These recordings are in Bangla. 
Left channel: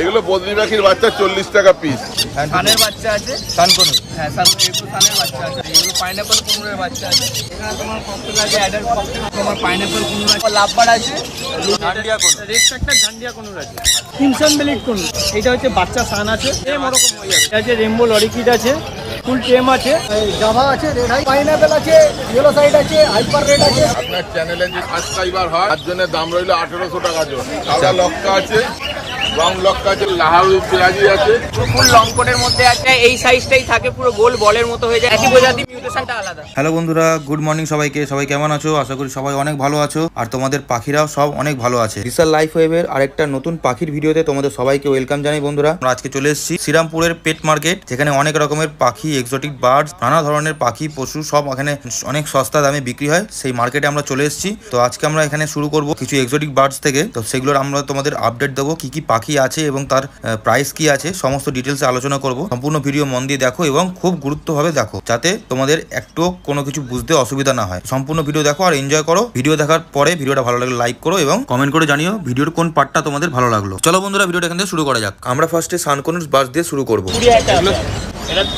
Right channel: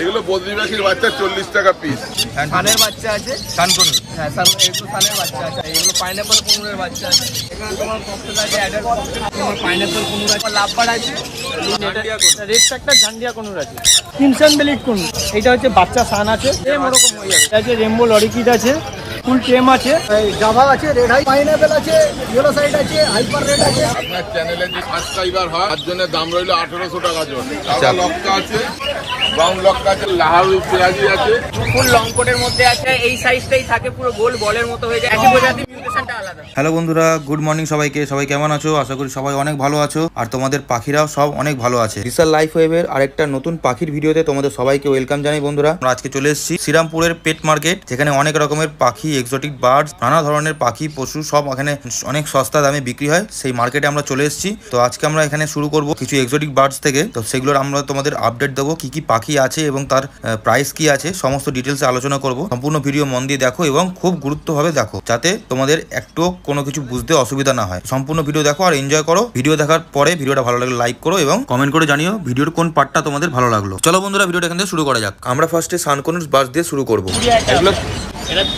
এগুলো বদ্রি পাখির বাচ্চা 40 টাকা পিস। সানের বাচ্চা আছে, কানকনুর। হ্যাঁ এগুলো সানের বাচ্চা আছে। এগুলো পাইনাপল কুনুরের বাচ্চা আছে। এখানে তোমার ককটেল আছে, অ্যাডাল্ট ককটেল, তোমার পাইনাপল কুনুর আছে, লাভবার আছে, রেড একটা ঝান্ডিয়া কুনুর আছে, ক্রিমসন বেলিট কুনুর। এটা হচ্ছে বাচ্চা সান আছে, এটা আছে রেমবো লরিকিড আছে, ফুল টেম আছে, জাভা আছে, রেড হাই, পাইনাপল আছে, ইয়েলো সাইড আছে, হাইপার রেড আছে। আপনার চ্যানেলে যদি সাবস্ক্রাইবার হয় তার জন্য দাম রইল 1800 টাকা জন। সাদা লক্কা আছে, ব্রাউন লক্কা আছে, লাহারু পেঁয়াজি আছে, ফুল লং কোটের মধ্যে আছে। এই সাইজটাই থাকে, পুরো গোল বলের মতো হয়ে যায়। একই প্রজাতি, মিউটেশনটা আলাদা। হ্যালো বন্ধুরা, গুড মর্নিং সবাইকে। সবাই কেমন আছো? আশা করি সবাই অনেক ভালো আছো, আর তোমাদের পাখিরাও সব অনেক ভালো আছে। বিশাল লাইফ ওয়েভের আরেকটা নতুন পাখির ভিডিওতে তোমাদের সবাইকে ওয়েলকাম জানাই বন্ধুরা। আমরা আজকে চলে এসেছি শ্রীরামপুরের পেট মার্কেট, যেখানে অনেক রকমের পাখি, এক্সোটিক বার্ডস, নানা ধরনের পাখি, পশু সব এখানে অনেক সস্তা দামে বিক্রি হয়। সেই মার্কেটে আমরা চলে এসেছি। তো আজকে আমরা এখানে শুরু করব কিছু এক্সোটিক বার্ডস থেকে। তো সেগুলোর আমরা তোমাদের আপডেট দেবো, কি কি পাখি আছে এবং তার প্রাইস কি আছে, সমস্ত ডিটেলসে আলোচনা করব। সম্পূর্ণ ভিডিও মন দিয়ে দেখো এবং খুব গুরুত্বভাবে দেখো, যাতে তোমাদের একটু কোনো কিছু বুঝতে অসুবিধা না হয়। সম্পূর্ণ ভিডিও দেখো আর এনজয় করো। ভিডিও দেখার পরে ভিডিওটা ভালো লাগলে লাইক করো এবং কমেন্ট করে জানিও ভিডিওর কোন পার্টটা তোমাদের ভালো লাগলো। চলো বন্ধুরা, ভিডিওটা এখান থেকে শুরু করা যাক। আমরা ফার্স্টে সানকনুর বার্ডস দিয়ে শুরু করব। এগুলো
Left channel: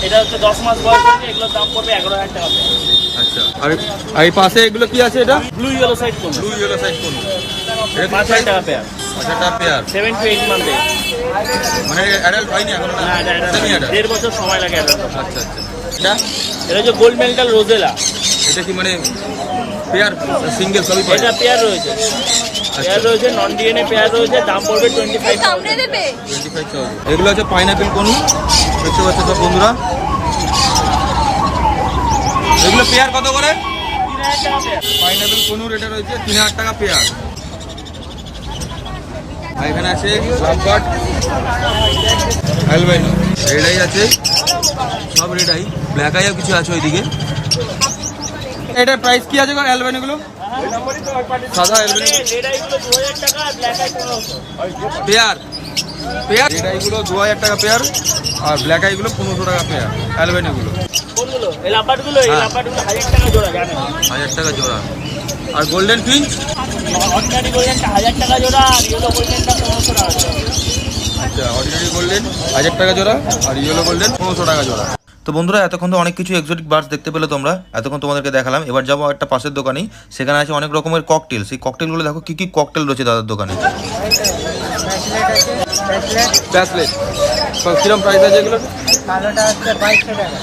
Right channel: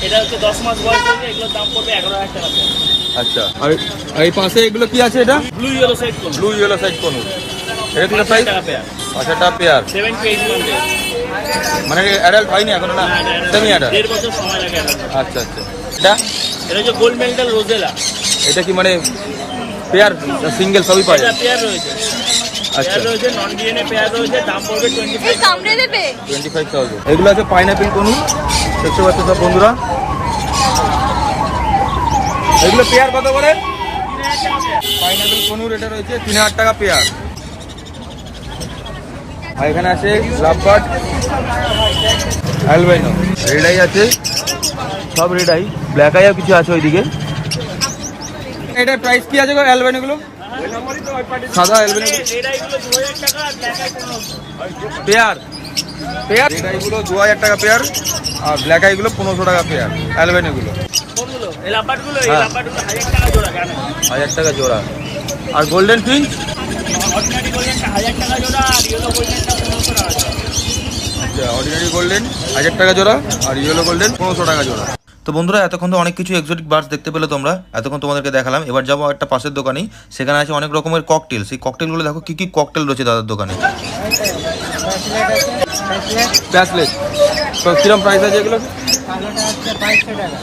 এটা হচ্ছে 10 মাস বয়স হয়েছে। এগুলোর দাম পড়বে 11,000 টাকা। আচ্ছা, আর এই পাশে এগুলো কি আছে? এটা ব্লু ইয়েলো সাইড কোন, ব্লু ইয়েলো সাইড কোন, এটা কি 5 টাকা পেয়ার, 5 টাকা পেয়ার, 7 to 8 মান্থ। মানে অ্যাডাল্ট হয়নি এখন না? না, এটা সেমি অ্যাডাল্ট। 1.5 বছর সময় লাগে অ্যাডাল্ট। আচ্ছা আচ্ছা, এটা হচ্ছে গোল্ড মেন্টাল রোজেলা। এটা কি মানে পেয়ার সিঙ্গেল সবই পায়? এটা পেয়ার রয়েছে, আচ্ছা, পেয়ার রয়েছে, নন ডিএনএ পেয়ার রয়েছে। দাম পড়বে 25,000। এগুলো আছে পাইনাপেল কোনু, দেখতে পাচ্ছ সব বন্ধুরা। এগুলো পেয়ার কত করে? পাইনাপেল কোনুর এটা রয়েছে 3,000 টাকা পেয়ার। আর এখানে আছে লাভবার্ড, অ্যালবাইনো, রেড আই আছে, সব রেড আই, ব্ল্যাক আইও কিছু আছে ওইদিকে। এটার প্রাইস কি আছে গো অ্যালবাইনো গুলো? সাদা albino pair, pair red eye গুলো 2,000 টাকা পেয়ার, আর ব্ল্যাক আই গুলো 1500 টাকা পেয়ার। অ্যালবাইনো গুলো 1,000 টাকা জোড়া। আর গোল্ডেন ফিঞ্চ আচ্ছা, অর্ডিনারি গোল্ডেন 1,000 টাকা জোড়া, আর ইয়েলো গোল্ডেন 1500 টাকা জোড়া। তো বন্ধুরা, এতক্ষণ তো অনেক কিছু এক্সোটিক বার্ডস দেখতে পেলে তোমরা, এতক্ষণ তোমাদেরকে দেখালাম। এবার যাবো একটা পাশের দোকানে, সেখানে আছে অনেক রকমের ককটেল। সেই ককটেলগুলো দেখো কি কি ককটেল রয়েছে দাদার দোকানে। কিরকম প্রাইস আছে এগুলো? কালোটা হচ্ছে 2200 টাকা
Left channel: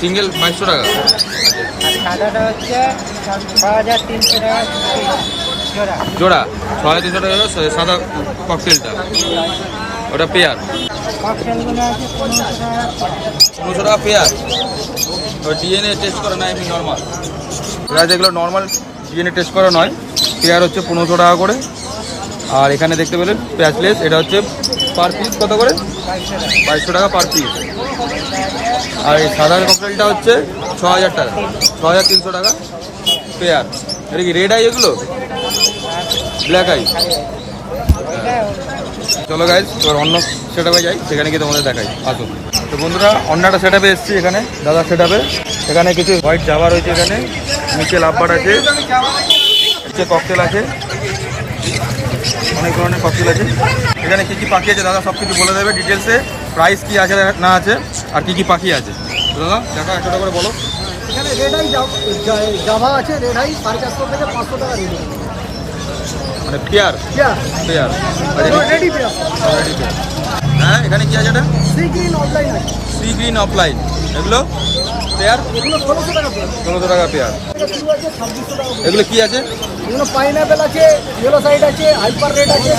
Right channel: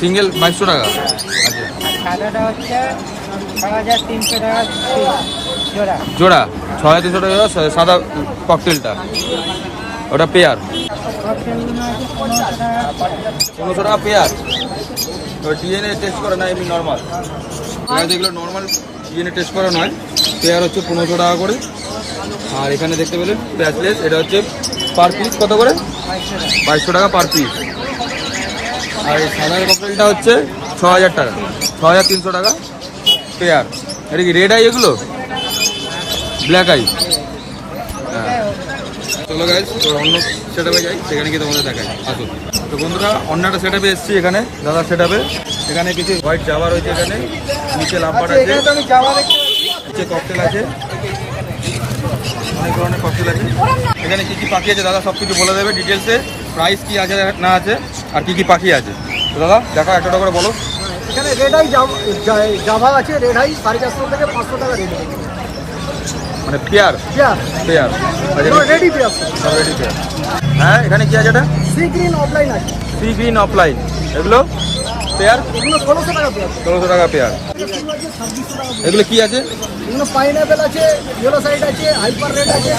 সিঙ্গেল 500 টাকা, আর সাদাটা হচ্ছে 6,300 টাকা জোড়া। জোড়া 6,300 টাকা জোড়া। সাদা ককটেলটা ওটা পেয়ার, ককটেলগুলো আছে 1500 টাকা। 1500 টাকা পেয়ার। ডিএনএ টেস্ট করা না, এমনি নর্মাল। এগুলো নর্মাল ডিএনএ টেস্ট করা নয়, পেয়ার হচ্ছে 1500 টাকা করে। আর এখানে দেখতে পেলেন প্যাচলেস, এটা হচ্ছে পার পিস কত করে? 2200 টাকা পার পিস। আর সাদা ককটেলটা হচ্ছে 6,000 টাকা, 6,300 টাকা পেয়ার। এটা কি রেড আই এগুলো? Black eye. চলো গাইজ, তো অন্য সেটআপে যাই, সেখানে গিয়ে তোমাদের দেখাই। আসুন। তো বন্ধুরা, অন্য একটা সেটআপে এসেছি, এখানে দাদার সেটআপে। এখানে কিছু হোয়াইট জাভা রয়েছে, এখানে নিচে লাভবার্ড আছে, নিচে ককটেল আছে, অনেক ধরনের ককটেল আছে। এখানে কি কি পাখি আছে দাদা সব কিছু বলে দেবে ডিটেলসে, প্রাইস কি আছে না আছে, আর কি কি পাখি আছে। তো দাদা দেখা একটা করে বলো। এখানে রেড আই জাভা আছে, রেড আই 450 থেকে 500 টাকা red. Pair pair ready pair. হ্যাঁ, এখানে কি আছে? এটা সি গ্রিন অফলাইন আছে, সি গ্রিন অফলাইন। এগুলো পেয়ার, এগুলো 1600 টাকা পেয়ার। 1500 টাকা পেয়ার। এটা শুরু আছে 2600 টাকা। এগুলো কি আছে? এগুলো পাইনাপেল আছে, ইয়েলো সাইড আছে, হাইপার রেড আছে,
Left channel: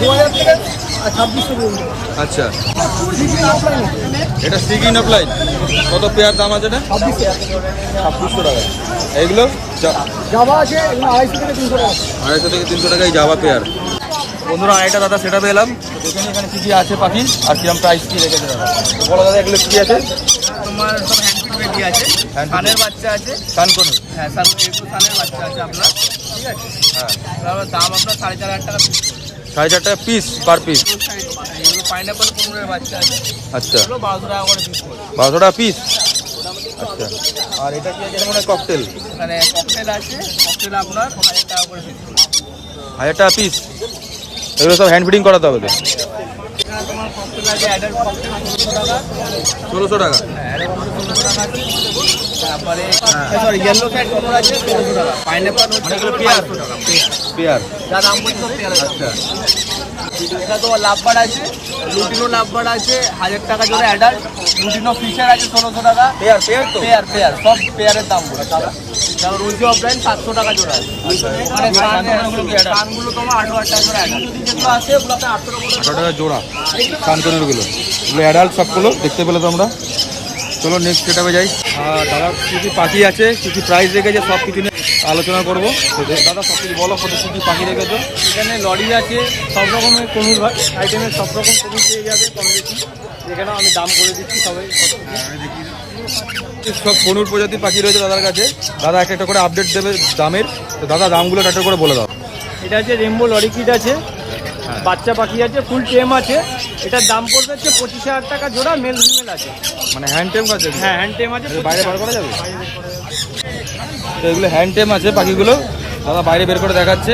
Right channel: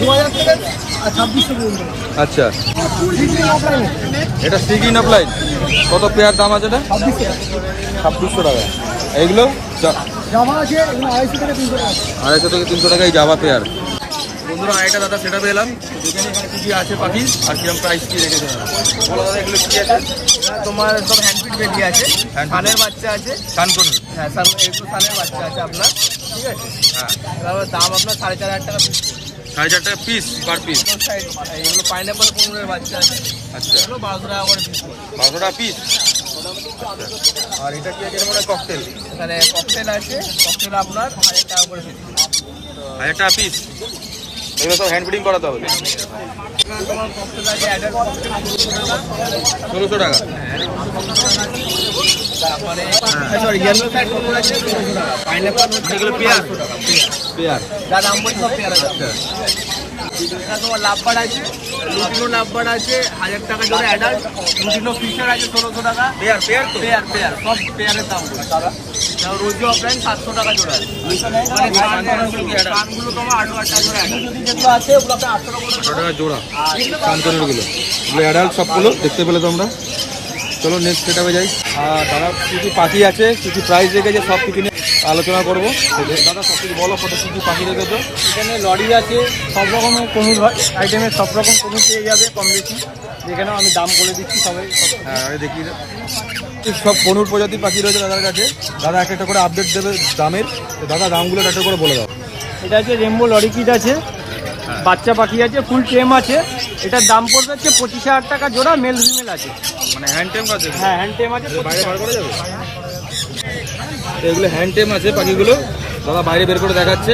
2000 থেকে 2600 পর্যন্ত। আচ্ছা, সি গ্রিন অফলাইন আছে, এটা সি গ্রিন অফলাইন। কত পেয়ার দাম আছে এটা? 2600 টাকা। 2600 টাকা। এগুলো জাভা আছে, এগুলো 250 থেকে 300 টাকা। 250 থেকে 300 টাকায় জাভা পেয়ার। বন্ধুরা, আরেকটা দাদা সেটা পেলাম, তো দেখে নিই এখানে কি কি আছে পাখি, আর কি আমি প্রাইস কি রেখেছে দাদা। বলো দাদা, এগুলো কি আছে? তোমার সব হ্যান্ডফিট বেবি আছে, সানের বাচ্চা আছে, কানকনুর। হ্যাঁ একটু সানের বাচ্চা আছে আপনার, ঠিক আছে। হ্যাঁ, এবার দাম আপনার 4,500 টাকা পিস। 4,500 টাকা পিস পার পিস। এগুলো পাইনাপল কুনুরের বাচ্চা আছে, আচ্ছা, এগুলো 1200 টাকা করে পিস পড়বে। 1200 টাকা পিস। আর এটা কি আছে? মানে ককটেল। এখানে ককটেল আছে, ককটেল আপনার 1000 টাকা করে পিস পড়বে। 1000 টাকা পিস। এগুলো সব হ্যান্ড ফিডিং করাতে হবে। এখানে তোমার ককটেল আছে অ্যাডাল্ট ককটেল 1600 টাকা। তারপরে সরি ইয়েলো সাইড কোন আছে 1600 টাকা। পাইনাপল হচ্ছে এগুলো 500 টাকা পেয়ার। যা দাম বলছি সব পেয়ার। আচ্ছা এটা তোমার লাভবার্ড আছে, লুটিনো লাভবার্ড আছে 1000 টাকা জোড়া অ্যাডাল্ট, লুটিনো ফিশার আছে 1600 টাকা। পেয়ার তো পেয়ার সব পেয়ারের দাম বলছি। তারপর রোজি অফলাইন 700 টাকা জোড়া। মানে কানগুলো তোমার 800 টাকা জোড়া আছে, ওগুলো আপনি 800 টাকা জোড়া কানকনের গুলো, এগুলো অ্যাডাল্ট সবগুলো দেখতে পেলে তোমরা। চলো নেক্সট সেটাপে যাই। আর দাদা কী কী পাখি আছে, কী কী প্রাইস রেখেছে সব কিছু নিয়ে আলোচনা করবো। দাদা সব কিছু বলো, ফটো কী কী পাখি রেখেছো। এখানে লরি আছে, সব রকমের কনুর আইটেমের সব রকম কনুর পেয়ে যাবে কম বেশি। এখানে আমি দাম করে দিচ্ছি সবাই। হ্যাঁ দেখি সব কনুর প্রজাতির পাখি রয়েছে দাদার কাছে। দাদা একটা করে আপডেট দেবে দামের, তো দাদা দামগুলো একটা করে বলে দাও। এটা আছে রেমবো লরিকিট আছে, বাচ্চা পাখি আছে, ফুল টেম আছে। এটার দাম পড়বে হচ্ছে 25,000 টাকা জোড়া, মেল ফিমেল আছে। মানে হ্যান্ড টেম আছে? হ্যাঁ হ্যান্ড টেম আছে। বাইরে বার করা যাবে? তো এগুলো হ্যান্ড টেম আছে পাখিগুলো, দাদা বাইরে বের করে দেখাচ্ছে।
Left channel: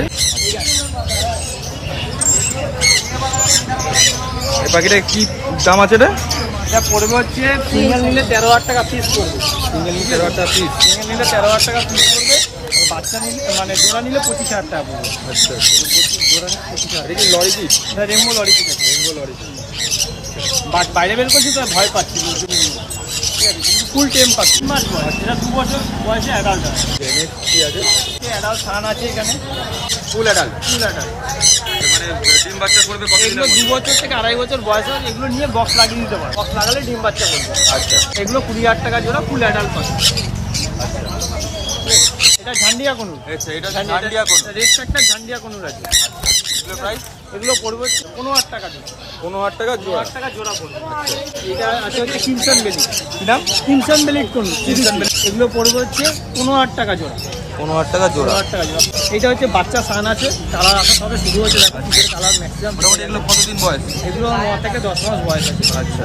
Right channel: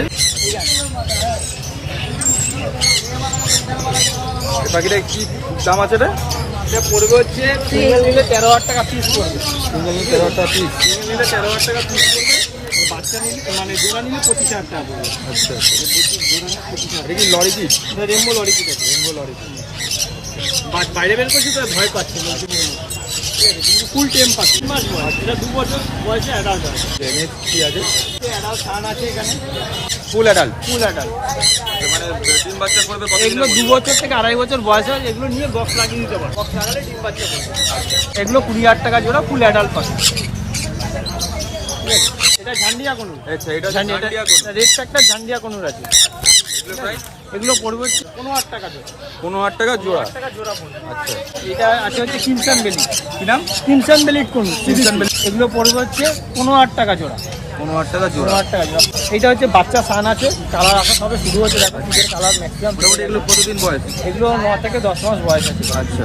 এই পাখিটা কি দাম আছে রে? এটা পড়বে হচ্ছে সিঙ্গেল নিলে 13,000 টাকা পিস পড়বে। সিঙ্গেল নিলে 13,000 টাকা পিস। সিঙ্গেল নিলে 13,000 টাকা পিস পড়বে। আর বাচ্চা নিলে মানে জোড়া নিলে 25,000 টাকা পড়বে। আচ্ছা জোড়া নিলে 25,000। দেখি লরি কি? এটা রেমবো লরিকিট আছে। রেমবো লরিকিট বাট বাইরে বের করছি তার ভয় পাচ্ছি লোকজন। ঠিক আছে, কিন্তু ফুল টেম পাচ্ছি। মাস বয়স, এটা 2 বছর বয়সে অ্যাডাল্ট হয়। কি আছে? অ্যাডাল্ট সান আছে এখানে, ফুল অ্যাডাল্ট। Full adult. মানে ডিম বাচ্চা করবে কত দিনের এগুলো 2 মধ্যে? বছর থেকে 2.5 বছর বয়স হয়। এগুলো নিয়ে বক্স লাগিয়ে দিতে পারে, বক্স লাগালে ডিম বাচ্চা করবে। আচ্ছা এগুলো 20,000 টাকা জোড়া, ফুল অ্যাডাল্ট পাবে। এটা ঝান্ডিয়া কনুর। আচ্ছা এটা হচ্ছে ঝান্ডিয়া কোন? রেড একটা ঝান্ডিয়া কনুর আছে। এগুলো প্রাইস এগুলো পড়বে হচ্ছে 15,000 টাকা জোড়া। 15,000 টাকা জোড়া। 15,000 টাকা জোড়া পড়বে। আচ্ছা এটা আছে হচ্ছে কিমসান বেলি। কি নাম? কিমসান বেলিট কনুর। কিমসান বেলিট। এগুলো পড়বে হচ্ছে 15,000 টাকা জোড়া। 15,000 টাকা জোড়া। 15,000 টাকা জোড়া। এটা হচ্ছে বাচ্চা সান আছে, কালার আসা সবে শুরু হচ্ছে। দেখো ফুলের কালার ম্যাক্সিমাম। মোটামুটি এগুলো কতদিন বয়স? এগুলো 9 থেকে 10 মাস বয়স। আচ্ছা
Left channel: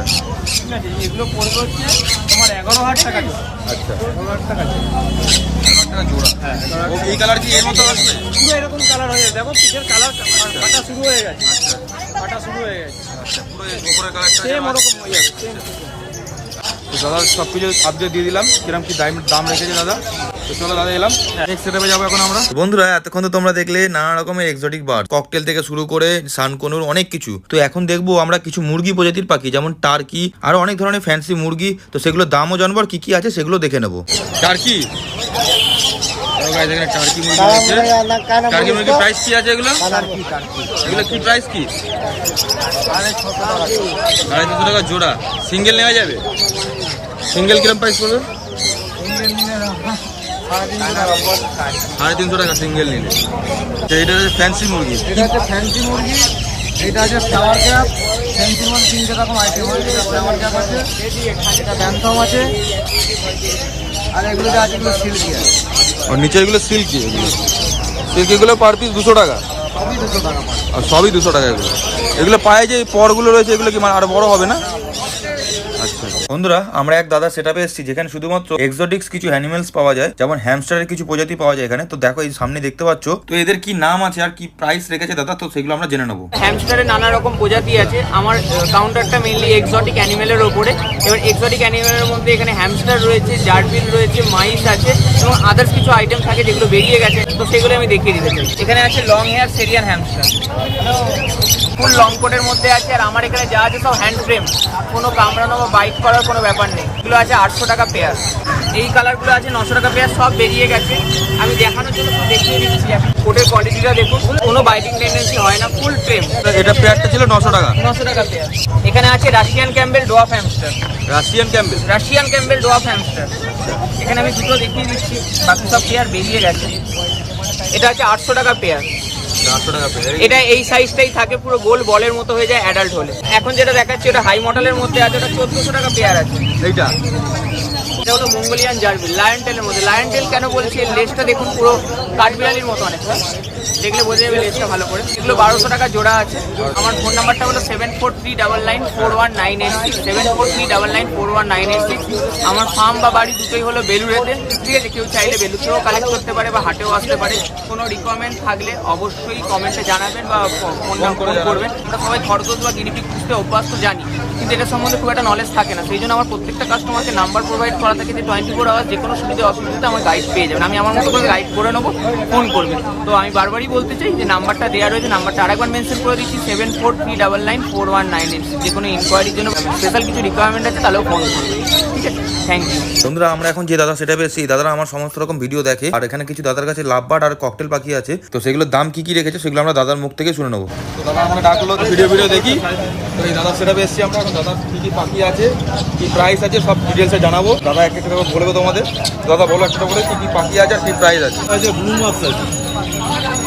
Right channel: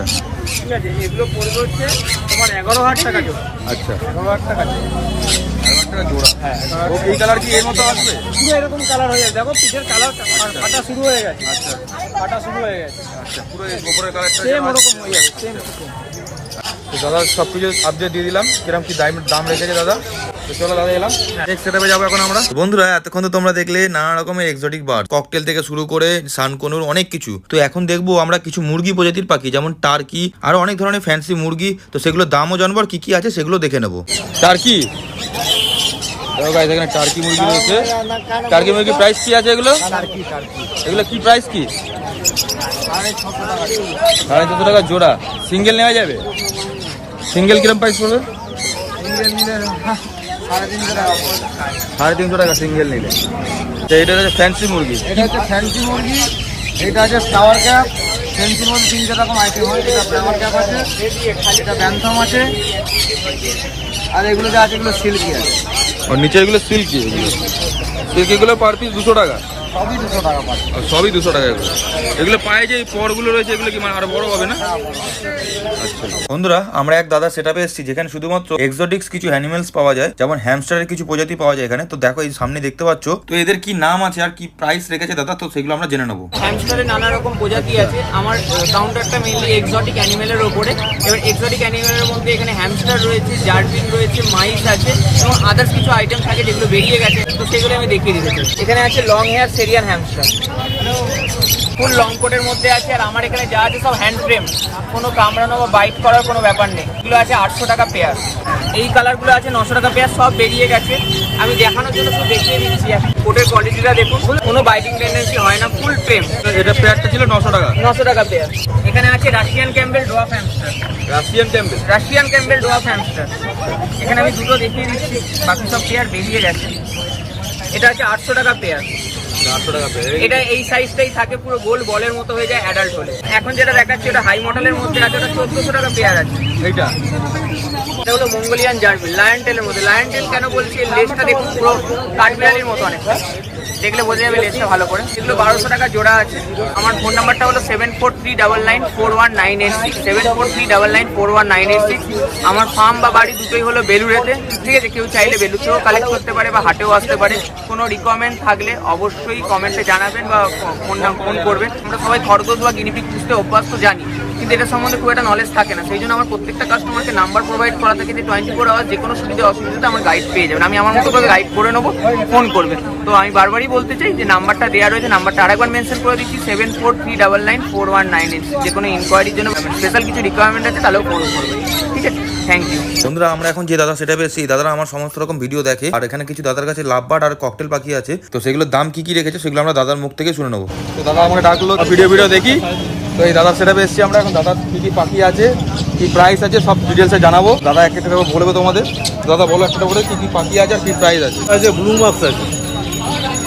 ঠিক আছে, এগুলো পড়বে হচ্ছে তোমার 11,000 টাকা জোড়া। আচ্ছা 11,000 টাকা জোড়া। 11,000 টাকা জোড়া। ও এই কালার কি এর মতো আসবে? পুরো এরকম কালার হয়ে যাবে। দেখো পিঠের কালার কাটা শুরু হয়ে গেছে। আচ্ছা কাটা শুরু হয়ে গেছে। আচ্ছা পুরো এই উপরের কালারটা যেন সেম আসছে। ওরকম হয়ে গেছে, same ওরকম। তো দাদা সব কিছু আপডেট দিয়ে দিলাম, কিরকম কি দাম রেখেছে দাদা। তো চলো দাদা এলাম, নেক্সট সেটআপে যাবো এখন আমরা। বন্ধুরা এতক্ষণ তো তোমরা দেখলে নানা রকমের এক্সোটিক বার্ড, ককটেল থেকে শুরু করে সানকনুর অনেক কিছু। তো এখন দেখবো আমরা কিছু মুরগি প্রজাতির পাখি, যেমন টার্কি, আরো অনেক ধরনের ফ্যান্সি মুরগি। তো সেগুলোর দামও জানবো আর কি কি আছে সেগুলো দেখে নেবো। টার্কি, এখানে টার্কি মুরগি রয়েছে। টার্কি মুরগির প্রাইস কি আছে এগুলো? এগুলো কি প্রাইস কি? 650 টাকা। 650 টাকা জোড়া। সিঙ্গেল নেওয়া যাবে? সিঙ্গেল কিরকম প্রাইস পড়বে? সিঙ্গেল নিলে 350 টাকা পড়বে। 350 টাকা সিঙ্গেল নিলে। এটা হচ্ছে ফ্যান্সি মুরগি। এটা হচ্ছে ফ্যান্সি মুরগি। এটা আছে ফ্লাওয়ার ক্যাপ। ফ্যান্সির মধ্যে 3 রকম আইটেম হয়। এটা ফ্লাওয়ার ক্যাপ আছে, এটা ব্যান্থম আছে, আর এগুলো যা আছে এগুলো সিল্কি আছে। আর নিচে এগুলো সিল্কি, সিল্কিগুলো পার পিস 200 টাকা। সবই 200 টাকা পাবে। আর সবই 200 টাকা এগুলো। এগুলো পায়ে যে পরগুলো রয়েছে এগুলো কি মানে আরো বড় হবে না? আচ্ছা বন্ধুরা আমরা এক দাদা সেটআপে এসেছি যেখানে শুধুমাত্র এক্সোটিক্স কিছু অ্যানিমেলস পাওয়া যায়, যেমন হ্যামস্টারের কিছু প্রজাতি পাওয়া যায় এখানে। তো দেখো এই সামনে দেখতে পাচ্ছ, তো এদের কি নাম আছে আর কি প্রাইস রেখেছে দাদা, তো সেগুলো আমরা জেনে নেবো। হ্যামস্টারের নানা রকম প্রজাতি আছে। আমার কাউন্টারটা মেইনলি এক্সোটিক অ্যানিমেলের ওপরে। এবার এক্সোটিক অ্যানিমেলের মধ্যে এখানে হ্যামস্টার রয়েছে, জার্বিল রয়েছে, মাইস আছে এবং আদার্স কিছু আইটেম থাকে যেগুলো বেরিয়ে গেছে, তো সেগুলো আমি দেখিয়ে দিতে চাই। এখানে আছে long hair সেরিয়ান hamster, full long কোটের মধ্যে আছে। আর আমার এখানে যা আছে সব হ্যান্ড ফ্রেম, কোনো কামড়ানো বা বাইট করার কোনো ব্যাপার নেই। এগুলো আছে 800 টাকা পেয়ার। এই কালারগুলো আছে 900 টাকা পেয়ার, সব বেরিয়ে গেছে। আমি দেখানোর জন্য শুধু দেখিয়ে দিচ্ছি। কোটের কোয়ালিটিটা দেখুন, কোনো বাইটিং টেন্ডেন্সি হয় না, ফুল ট্রেম। এটা পেয়ারটা ছিল 900 টাকা। 900 টাকা পেয়ার। এখানে আছে Russian Campbell dwarf hamster. Russian Campbell. Russian Campbell dwarf hamster. এখানে আমি দুটো দেখিয়ে দিচ্ছি, বাকি সব পেয়ার বেরিয়ে গেছে। এটা আছে 800 টাকা পেয়ার। 800 টাকা পেয়ার। এটা এই সাইজটাই থাকে, পুরো গোল বলের মতো হয়ে যায় অ্যাডাল্ট হলে। এখন যেটা দেখাচ্ছি ওটা হাই মডেলের মধ্যে আছে, ওটা 1400 টাকা পেয়ার আছে। এইটা এটা হলো মঙ্গোলিয়ান জার্বিল, লায়ন টেলের মধ্যে। লায়ন টেল কেন বলছি, এর লেজটা দেখুন পুরো কাঠবিড়ালির মতো অনেকটা, দেখলে বোঝা যাবে লেজটা ভালো করে। এগুলো 1200 টাকা জোড়া আছে। আমার ফোন নাম্বারটা হলো 7439941986, 7439941986। আমার ফার্ম বা বাড়ি দুটোই হলো বেলুড়েতে, ঠিক আছে? কেউ চাইলে বেলুড়েও কালেক্ট করতে পারে বা হাটেও আসতে পারে। কোনো রিকমেন্ড থাকলে অবশ্যই কমেন্টে জানাবেন বা ফোন করবেন। আমরা সবাই খরগোশ বা গিনিপিগ পুষতে অভ্যস্ত জানি, কিন্তু এটা সম্বন্ধে খুব একটা নলেজ থাকে না। সেই জন্য আমার প্রত্যেকটা কাস্টমারকে নাম্বার প্রোভাইড করা থাকে যে 24 আওয়ার যে কোনো সুবিধা অসুবিধাতে আমার গাইড পেয়ে যাবেন। আমি আমার মতো করে গাইড করে নেবো, ফোন করবেন। তো আমি বারবারই বলতে চাই যে নাম্বারটা দেওয়া রয়েছে, নাম্বারটা আরেকবার মেনশন করে দিচ্ছি 7439941986। যে কোনো ইনকোয়ারির জন্য স্পেশাল কিছু রিকোয়ারমেন্ট আছে তাহলেও ফোন করবেন, ঠিক আছে? Thank you. বন্ধুরা, আমরা এখন যে দাদা সেটা পেয়েছি, দাদারা আমার সমস্ত রকম ভিডিও দেখে, আর এখানে কিছু দাদার কাছে লাভবার্ড আর ককটেল পাখি আছে। তো সেগুলোর দাম কি রেখেছে সেগুলো আমরা দাদার মুখ থেকে শুনে নেবো। তো দাদা আমাকে ডাকলো, ভিডিও দেখি। তো এই দাদার সেটা এসেছি আমরা এখন। দাদার কি পাখি আছে, কি প্রাইস আছে, সব ডিটেলসে জানাবো। দাদা একটা করে বলবো তোমাদের। দাদা বলো একটা করে কি পাখি আছে, কি প্রাইস আছে। আছে ব্লু মাস্ক আছে,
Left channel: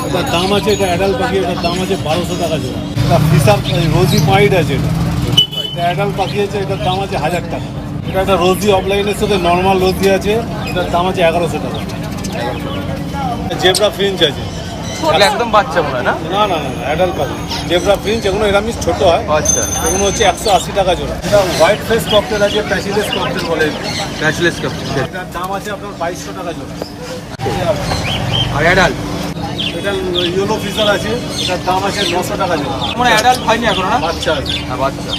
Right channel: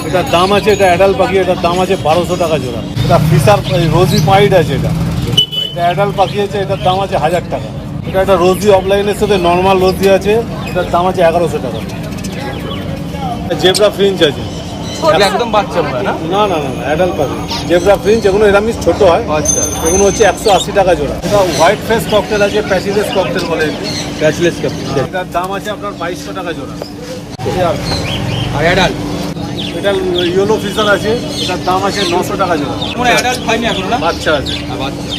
এটার দাম আছে, এটা অ্যাডাল্ট পাখি, এটার দাম আছে 1200 টাকা জোড়া। এটা ফিশার রোজি পয়েন্ট আছে, এটা অ্যাডাল্ট পাখি আছে, এটার দাম আছে 1000 টাকা। এটা একটা রোজি অফলাইনের সাথে নর্মাল রোজি আছে, এটার দাম আছে 1100 টাকা। জেব্রা ফ্রিঞ্চ আছে, একদম বাচ্চা না? না না না অ্যাডাল্ট পাখি জেব্রা ফ্রিঞ্চ, এগুলো এরামই ছোট হয়। এগুলো হচ্ছে 180 টাকা জোড়া। এটা হোয়াইট ফেস ককটেল আছে, প্যাচিলেস ককটেল বলে, ব্যাচলেস কাপ এটার দাম আছে আপনার 2200 টাকা জোড়া। আর অ্যাডাল্ট এটা ইয়েলো ফিশার আছে, এটার দাম আছে 900 টাকা জোড়া। মানে অ্যাডাল্ট হয়নি এখনো না? বাচ্চা আছে, আর বাচ্চা।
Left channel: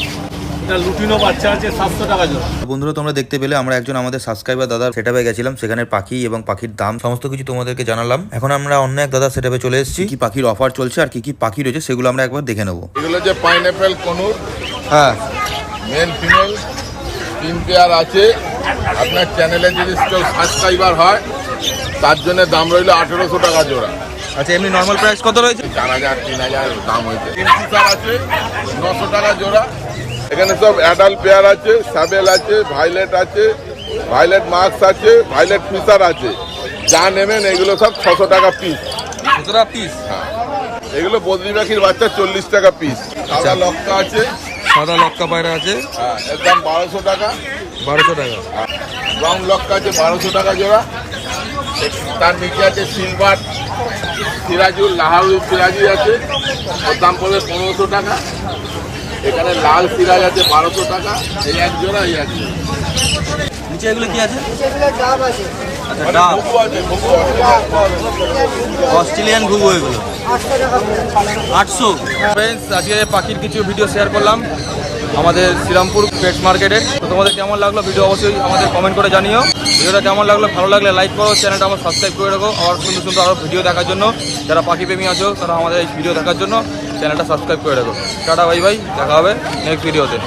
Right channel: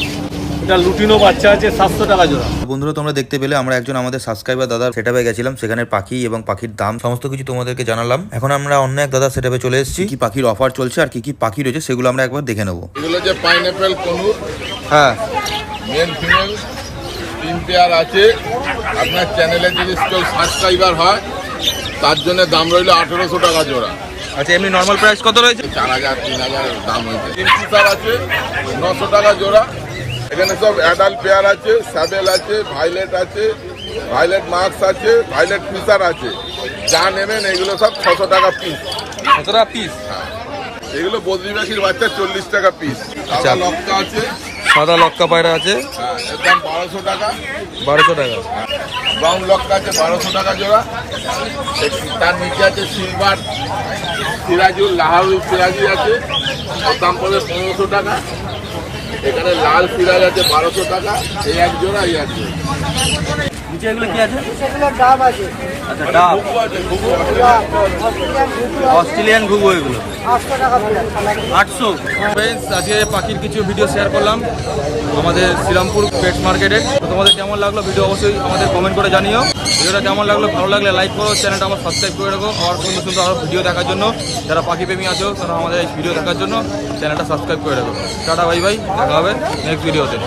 এটা লুটিনো বাচ্চা আছে 700 টাকা জোড়া। বন্ধুরা, তোমরা দেখতে পেলে আমরা একজন আমাদের সাবস্ক্রাইবার দাদার সেটআপে গেছিলাম, সেখানে পাখি এবং পাখির দাম সমস্ত কিছু তোমাদেরকে জানালাম। এখন আমরা অন্য এক দাদার সেটআপে চলে এসেছি, কি পাখির অফার চলছে আর কি পাখি রয়েছে সেগুলো আমরা একবার দেখে নেবো। এগুলো যে পাইনঅ্যাপেল কনুর, হ্যাঁ, মেল ফিমেল 3 পেয়ার আছে। আপনার চ্যানেলে যদি কেউ সাবস্ক্রাইবার হয় তার জন্য দাম রইল 1800 টাকা জোড়া। আচ্ছা, এমনি নর্মাল প্রাইস কত রয়েছে? 4000 3000 দাম হয়েছে। কিনফিশার আছে 900 টাকা জোড়া। এখানে সব অ্যাডাল্ট পেয়ার আছে, স্যাবেল আছে, ভাইলেট আছে, ভাইলেট মাস্ক আছে, ভাইলেট ফিশার আছে। যা নেবেন এগুলো সব 600 টাকা পিস। কতটা পিস? এগুলো বদ্রি পাখির বাচ্চা 40 টাকা পিস। আচ্ছা। সাদা লক্কা আছে, সাদা লক্কা পায়রা আছে এর দাম 1200 টাকা। 1200 টাকা। ব্রাউন লক্কা আছে 1200 টাকা জোড়া। তার নিচে আছে সিলভার সিরাজুল, লাহারুল সিরাজি আছে, ওর দাম পড়বে 1500 টাকা। এখানে লাল সিরাজ আছে 1200 টাকা। এই এক জোড়া, এই এক জোড়া। নিচে এগুলো কি আছে? সেগুলো ডাব আছে, আচ্ছা, ডাব, ঘুঘু আছে, ঘুঘু আছে। অস্ট্রেলিয়ান ঘুঘু এগুলো 800 টাকা পেয়ার। 800। ফ্রেন্ডস, আজকে পাখির কিছু ভিডিও শেয়ার করলাম আমাদের শ্রীরামপুর পেট মার্কেটের। তো তোমাদের কেমন লাগলো ভিডিও অবশ্যই আমাদের কমেন্ট করে জানিও। ভিডিওটা কেমন লাগলো, ভালো লাগলে লাইক করো, চ্যানেলটা আমার সাবস্ক্রাইব করে রাখো। আর সুন্দর সুন্দর আরও ভিডিও দেখার জন্য যারা পাখি প্রেমী আছো তারা আমাদের এই ভিডিও দেখার জন্য চ্যানেলটা সাবস্ক্রাইব করে রাখো। টাটা, বাই বাই, দেখা হবে নেক্সট ভিডিওতে।